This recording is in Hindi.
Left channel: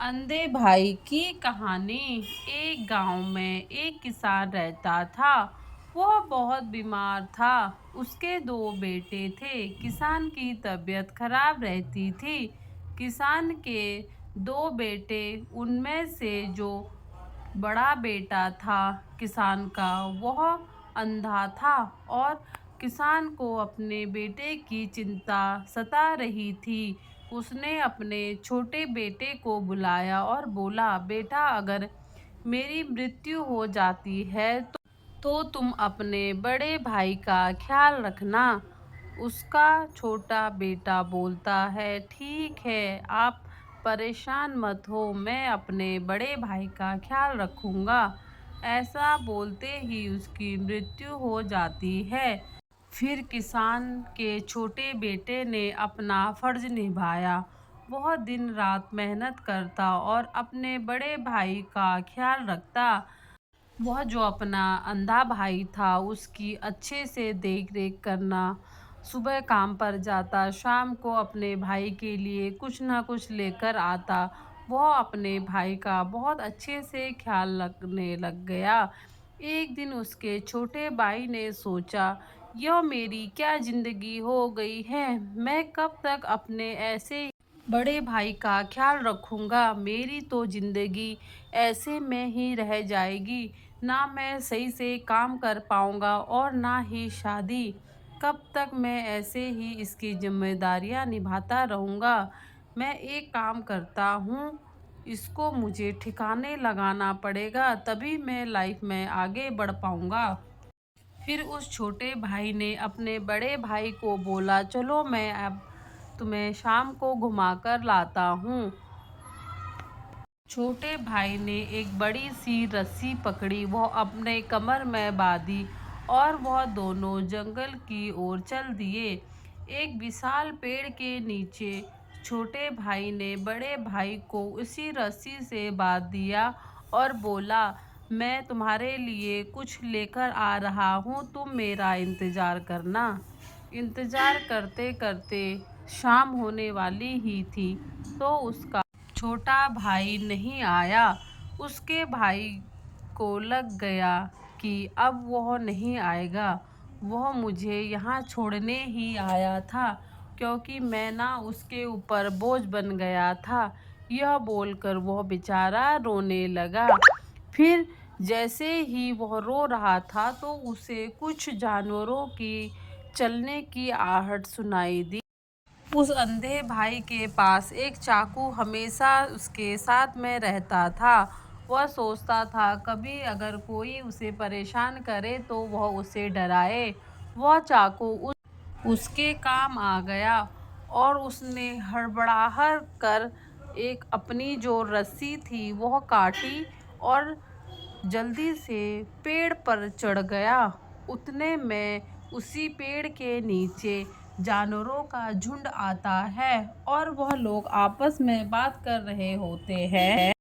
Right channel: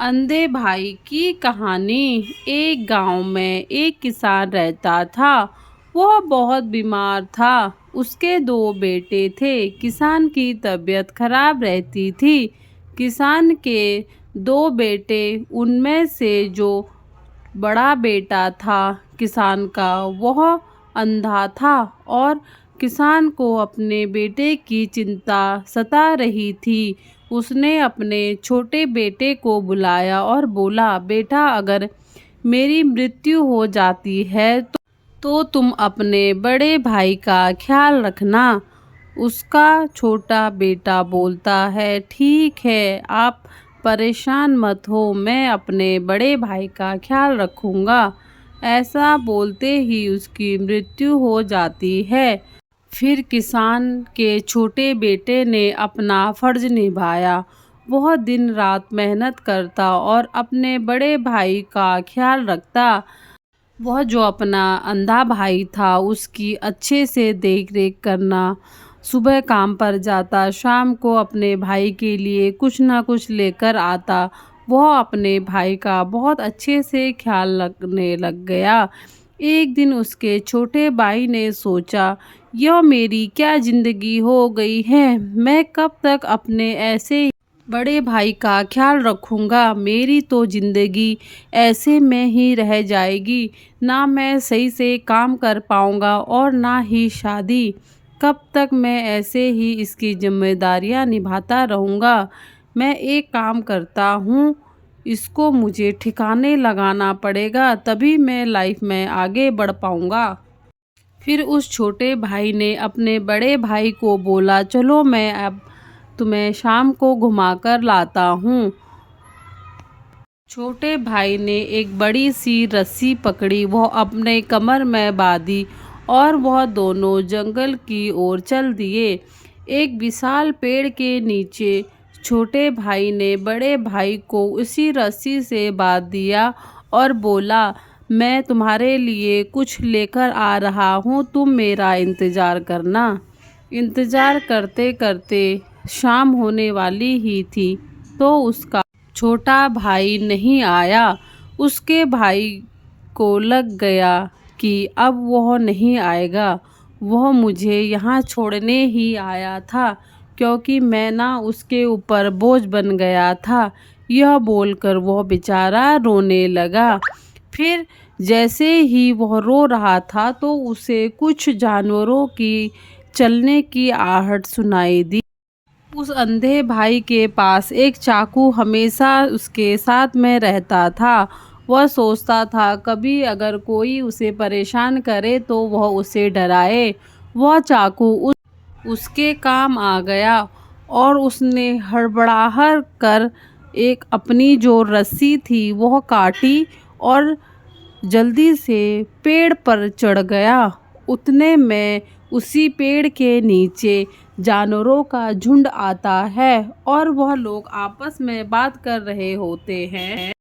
अंधे भाई की कहानी। एक गांव में एक किसान रहता था। वह बहुत बीमार था। उसके दो बेटे थे। किसान की तबीयत खराब रहती थी। किसान के दो बेटे, उनमें से जो बड़ा बेटा था किसान का, वह अंधा था और किसान को अपने बेटे की चिंता सता रही थी। उसने अपने छोटे बेटे को बुलाया और बोला, बेटा, अगर मेरी मृत्यु हो जाती है तो तुम अपने बड़े भाई का ख्याल रखना। उसका छोटा बेटा बोलता है, ठीक है, आप परेशान मत हो, मैं अपने बड़े भाई का ख्याल रखूँगा। ऐसा बोलते ही उसकी मृत्यु हो जाती है। फिर किसान के छोटे बेटे ने अपना फर्ज निभाया। वह दिन रात मेहनत करता और अपने बड़े भाई का ख्याल रखता। वह जो अपना अंधा भाई था उसकी अच्छे से देख रेख करना। सुबह काम पर जाता, शाम को अपने भाई के लिए कुछ ना कुछ लेकर आता। वह अपने भाई का बहुत अच्छे से ख्याल रखने लग गया। एक दिन उसके छोटे भाई ने सोचा, यह मेरी क्या ज़िंदगी हो गई है। मैं कब तक अपने ऐसे बड़े भाई का ख्याल रखूँगा। मेरी तो ज़िंदगी ऐसे में ही रह जाएगी। ना मैं सही से काम कर पाऊँगा और ना ही शादी। कब तक मैं ऐसे ही इसकी जिम्मेदारियाँ निभाता रहूँगा। मैं एक काम करता हूँ, इसको मुझे ठिकाने लगाना पड़ेगा, तभी मैं लाइफ में आगे बढ़ पाऊँगा। फिर उस छोटे भाई ने अपने बड़े भाई को बोला, चलो मैं अब तुम्हें शाम को घुमाकर लाता हूँ। छोटे भाई ने एक बड़ी सी रस्सी पकड़ी, वह अपने कमर में बांधी और वह दोनों जंगल की ओर चल दिए। एक विशाल पेड़ के नीचे छोटे भाई ने बड़े भाई को उसी रस्सी से बांध दिया और बोला, मैं तुम्हारे लिए कुछ लेकर आ रहा हूँ, तुम मेरा इंतज़ार करना। इंतज़ार करते करते शाम होने वाली ही थी, तो उसका छोटा भाई नहीं आया। उसके भाई को लग गया कि अब वह नहीं आएगा। वह मुझे यहाँ छोड़ने ही आया था, क्योंकि मैं ना उसके ऊपर बोझ बन गया था। यह बोलकर वह बेचारा रोने लगा। फिर जैसे ही वह रो रहा था तो उसे कुछ जानवरों की चलने की आहट सुनाई दी। उस अंधे भाई के पास एक चाकू हमेशा उसके साथ में रहता था। वह सोचता था, कभी अगर कोई उसे परेशान करे तो वह उसे डराए। वह चाकू उसके काम आ गया और उसने हड़बड़ाहट कर एक अपनी जो रस्सी थी वह काटी और जल्दी से पेड़ पर चढ़ गया। उतने में उसी पेड़ के नीचे जानवरों का झुंड आता है और वह लोग आपस में बात कर रहे होते हैं।